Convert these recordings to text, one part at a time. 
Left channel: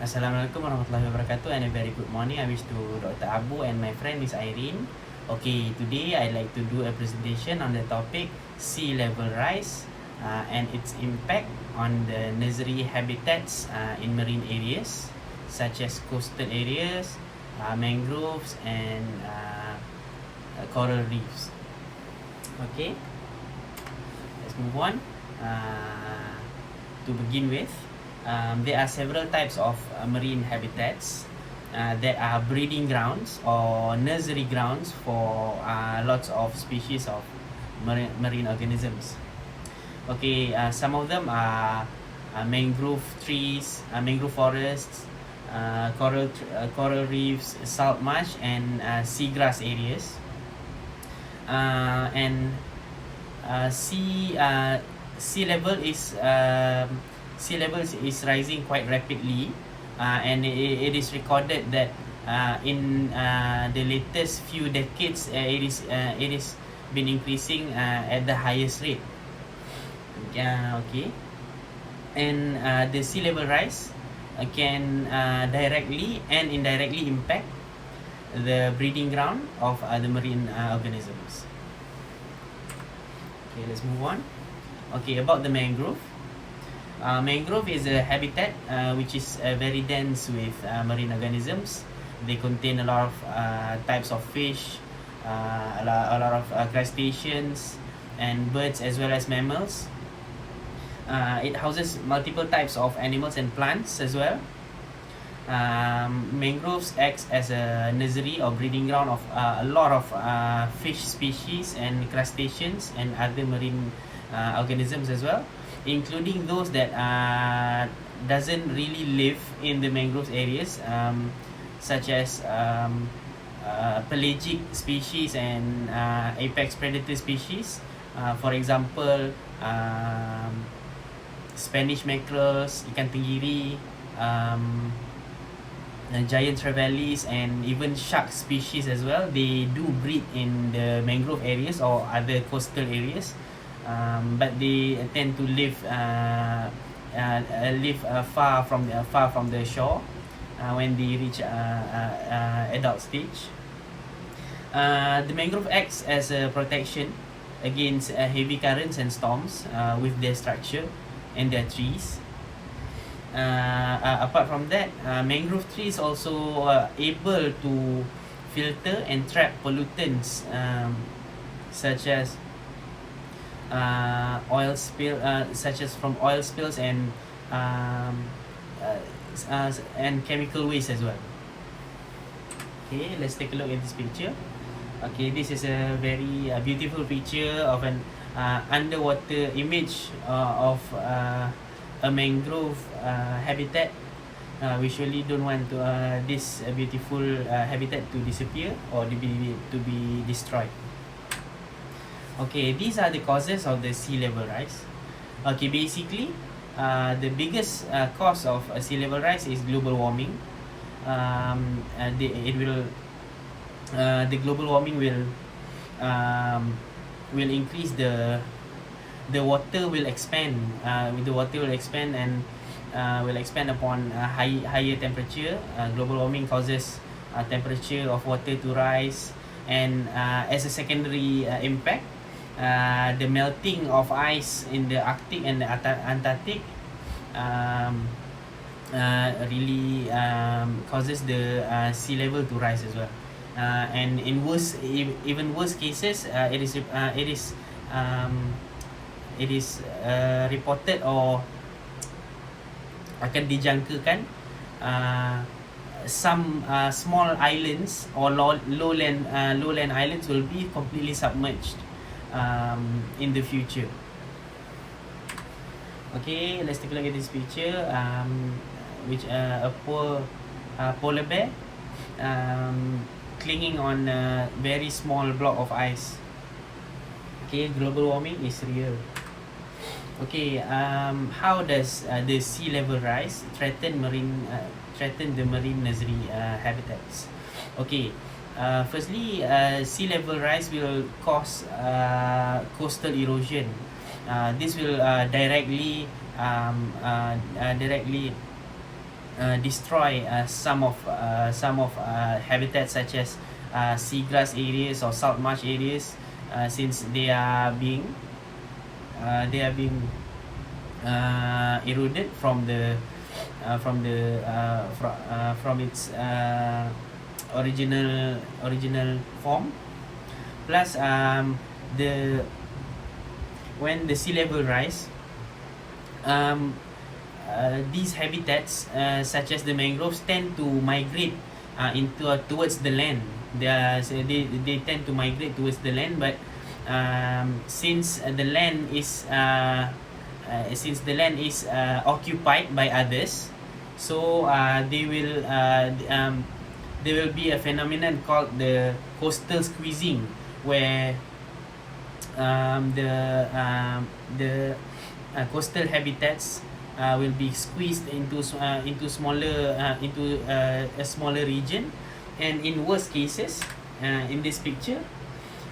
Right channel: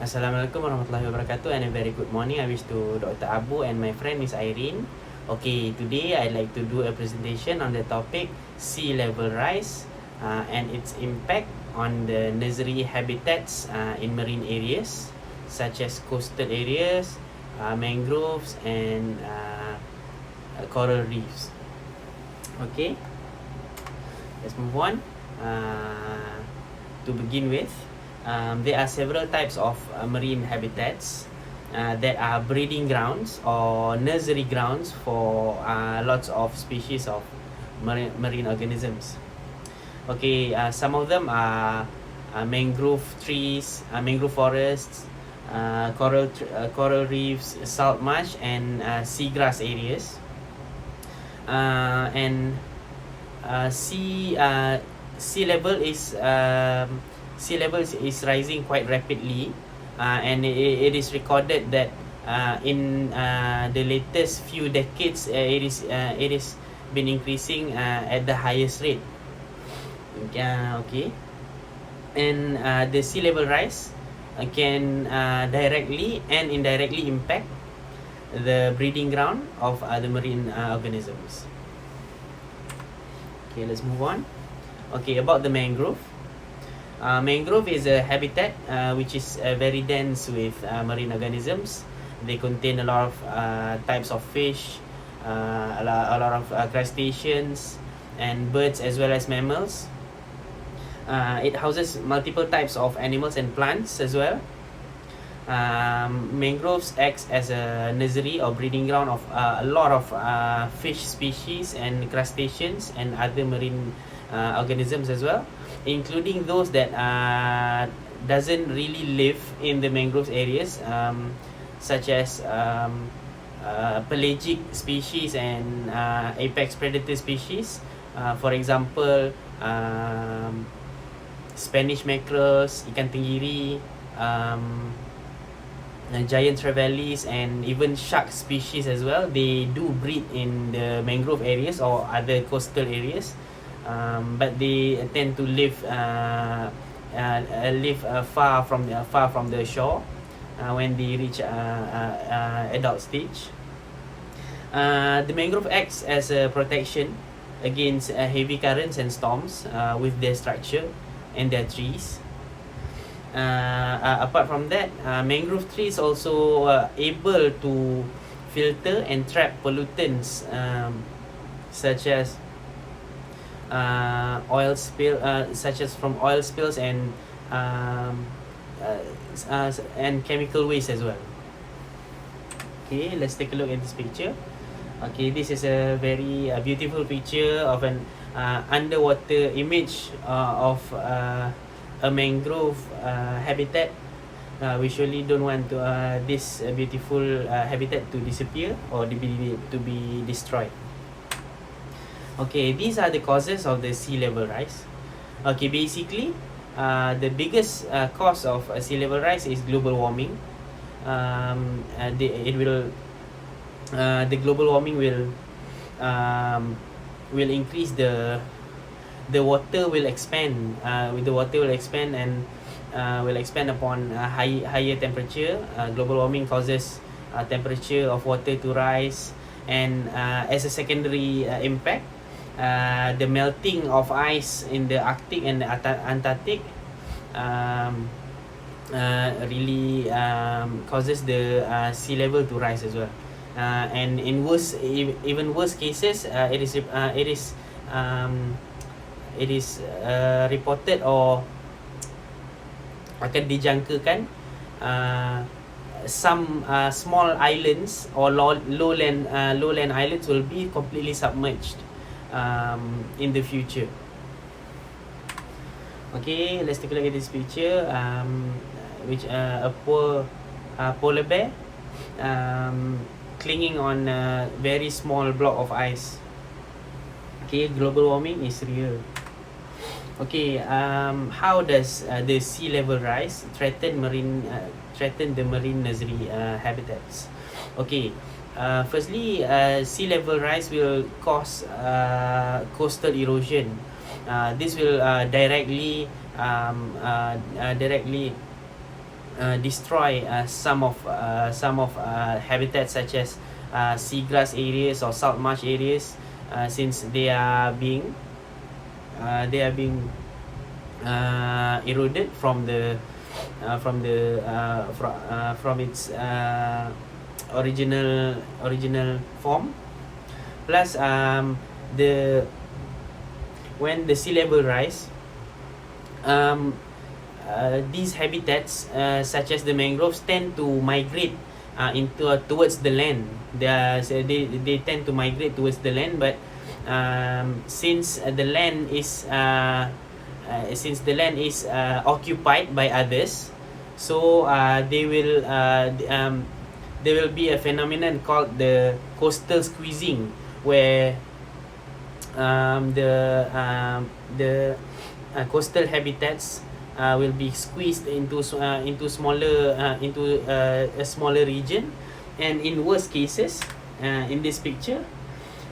Assalamualaikum warahmatullahi wabarakatuh and a very good morning. I wish to Dr. Abu and my friend Miss Irene. Okay, today I'd like to do a presentation on the topic sea level rise and its impact on the nursery habitats in marine areas such as coastal areas, mangroves and coral reefs. Okay, let's move on. To begin with, there are several types of marine habitats that are breeding grounds or nursery grounds for lots of species of marine organisms. Okay, some of them are mangrove trees, mangrove forests, coral reefs, salt marsh, and seagrass areas. Sea level is rising quite rapidly, and it is recorded that in the latest few decades it is been increasing at the highest rate. Okay, and the sea level rise can directly and indirectly impact the breeding ground of the marine organisms. Okay, let's move on. Okay, about the mangrove. Mangrove is a habitat which is very dense with marine organisms. They contain a lot of types of fish, a lot of crustaceans and birds as well as mammals. It houses multiple types of animals and plants as well. Mangroves acts as a nursery or breeding ground of a lot of fish species and crustaceans and other marine organisms as well, including those that doesn't really live in the mangrove areas, such as pelagic species and apex predator species. For example, Spanish mackerels, ikan tenggiri, giant trevallies, and even shark species as well. They do breed in the mangrove areas or other coastal areas, but they tend to live far from the shore when they reach adult stage. The mangrove acts as a protection against heavy currents and storms with their structure and their trees. Apart from that, mangrove trees also able to filter and trap pollutants such as from oil spills and chemical waste as well. Okay, let's take a look at this picture. Okay, this is a very beautiful picture of an underwater image of a mangrove habitat. We surely don't want this beautiful habitat to disappear or to be destroyed. Okay, these are the causes of the sea level rise. Okay, basically, the biggest cause of sea level rise is global warming. The global warming will increase the water will expand. The water will expand and will expand upon higher temperature. Global warming causes temperature of water to rise, and as a secondary impact, the melting of ice in the Arctic and the Antarctic really causes the sea level to rise as well. And in even worse cases, it is reported or akan dijangkakan some small islands or lowland islands will be completely submerged in the future. Okay, let's take a look at this picture, which a polar bear clinging on a very small block of ice. Okay, global warming is real. Okay, how does the sea level rise threaten the marine nursery habitats? Okay, firstly, sea level rise will cause coastal erosion. This will directly destroy some of habitats such as seagrass areas or salt marsh areas, since they are being eroded from its original form. Plus, when the sea level rise, these habitats, such as the mangroves, tend to migrate towards the land. They tend to migrate towards the land, but since the land is occupied by others, so there will be a phenomenon called the coastal squeezing, where the coastal habitats will be squeezed into a smaller region. And in worst cases, in this picture,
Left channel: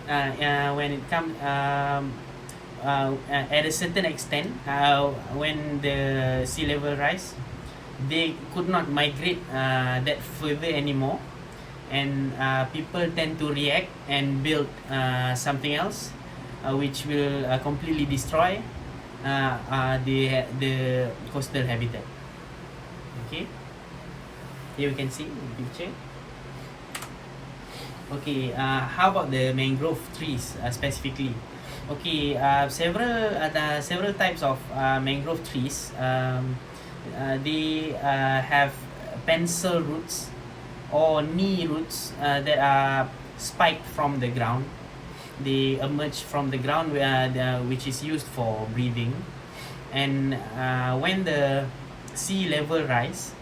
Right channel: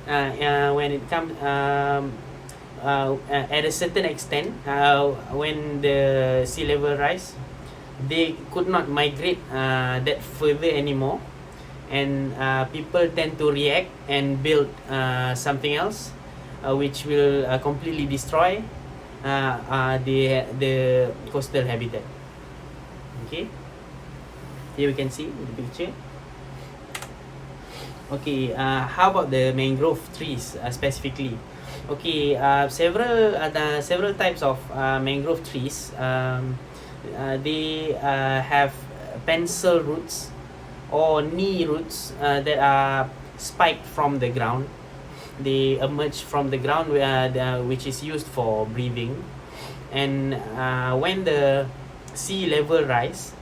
when it comes at a certain extent, when the sea level rise, they could not migrate that further anymore, and people tend to react and build something else, which will completely destroy the coastal habitat. Okay, here we can see the picture. Okay, how about the mangrove trees specifically? Okay, several types of mangrove trees. They have pencil roots or knee roots that are spiked from the ground. They emerge from the ground, which is used for breathing. And when the sea level rise,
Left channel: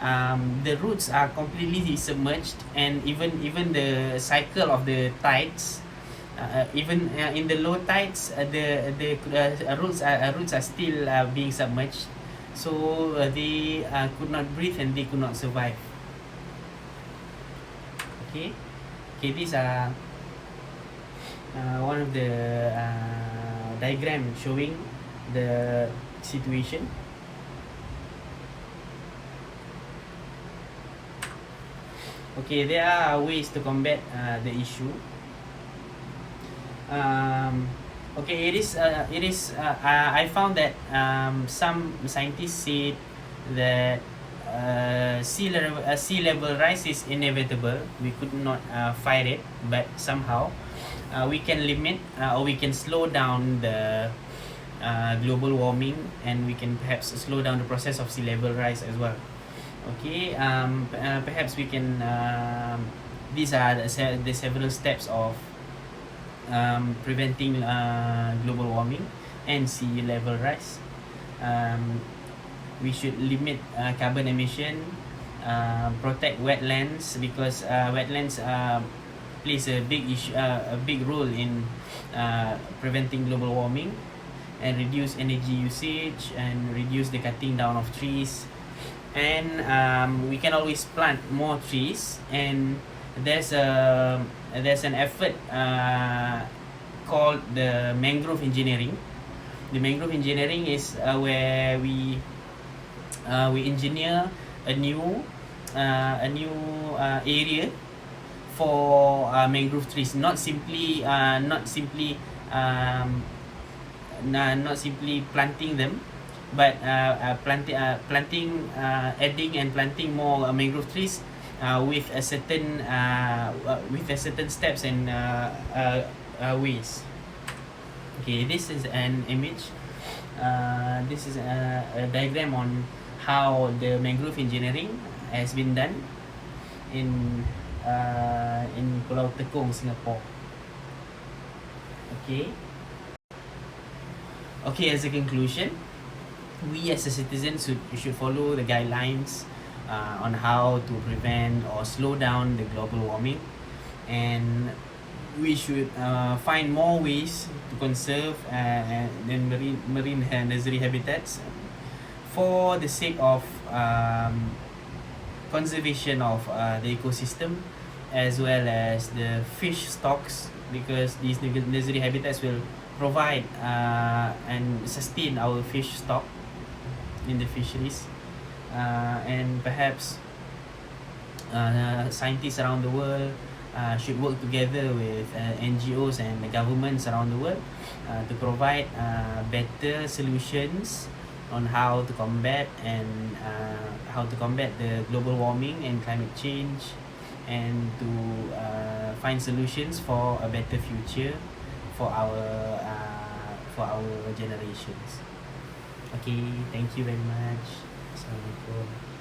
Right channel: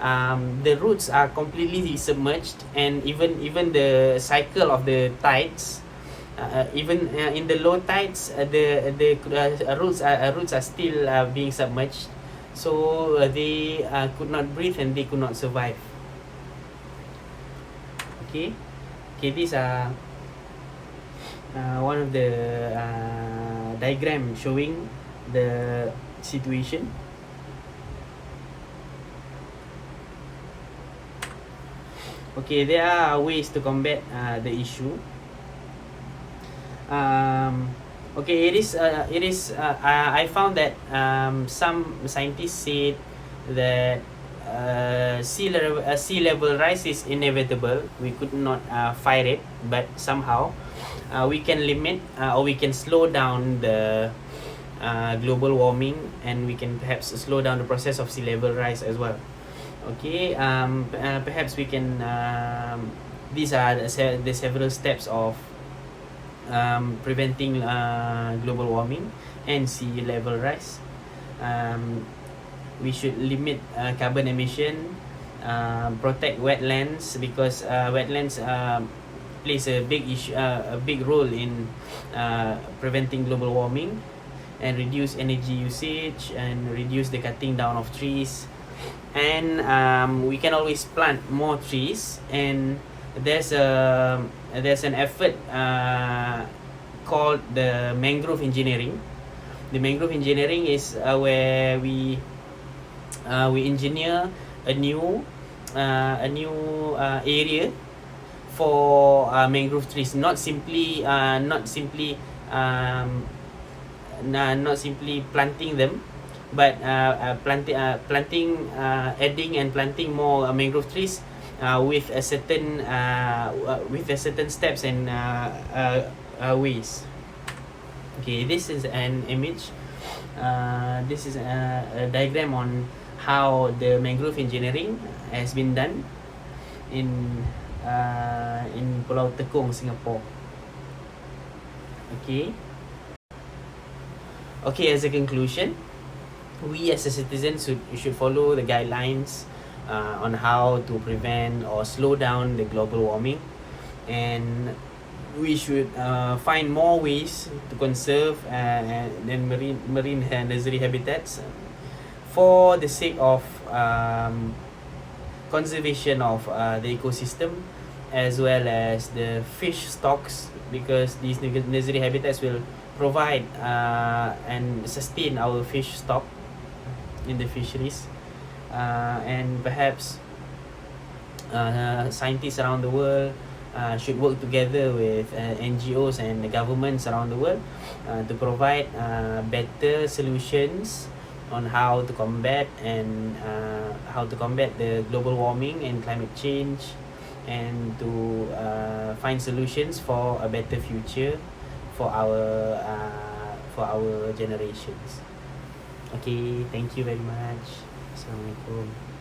the roots are completely submerged, and even the cycle of the tides, even in the low tides, the roots are still being submerged, so they could not breathe and they could not survive. Okay, these are one of the diagram showing the situation. Okay, there are ways to combat the issue. Okay, it is. I found that some scientists say that sea level rise is inevitable. We could not fight it, but somehow we can limit or we can slow down the global warming, and we can perhaps slow down the process of sea level rise as well. Okay, perhaps we can. These are the several steps of preventing global warming and sea level rise. We should limit carbon emission, protect wetlands, because wetlands plays a big role in preventing global warming, and reduce energy usage and reduce the cutting down of trees. And we can always plant more trees, and there's an effort called the mangrove engineering. The mangrove engineering is where we engineer a new area for mangrove trees, not simply planting them, but adding and planting more mangrove trees with a certain steps and ways. Okay, this is an image. This is a diagram on how the mangrove engineering has been done in Pulau Tekong, Singapore. Okay, as a conclusion, we as a citizen should follow the guidelines on how to prevent or slow down the global warming, and we should find more ways to conserve marine and nursery habitats for the sake of conservation of the ecosystem, as well as the fish stocks, because these nursery habitats will provide and sustain our fish stock in the fisheries. and perhaps scientists around the world should work together with NGOs and the governments around the world to provide better solutions on how to combat the global warming and climate change, and to find solutions for a better future for our generations. Okay, thank you very much. Assalamualaikum.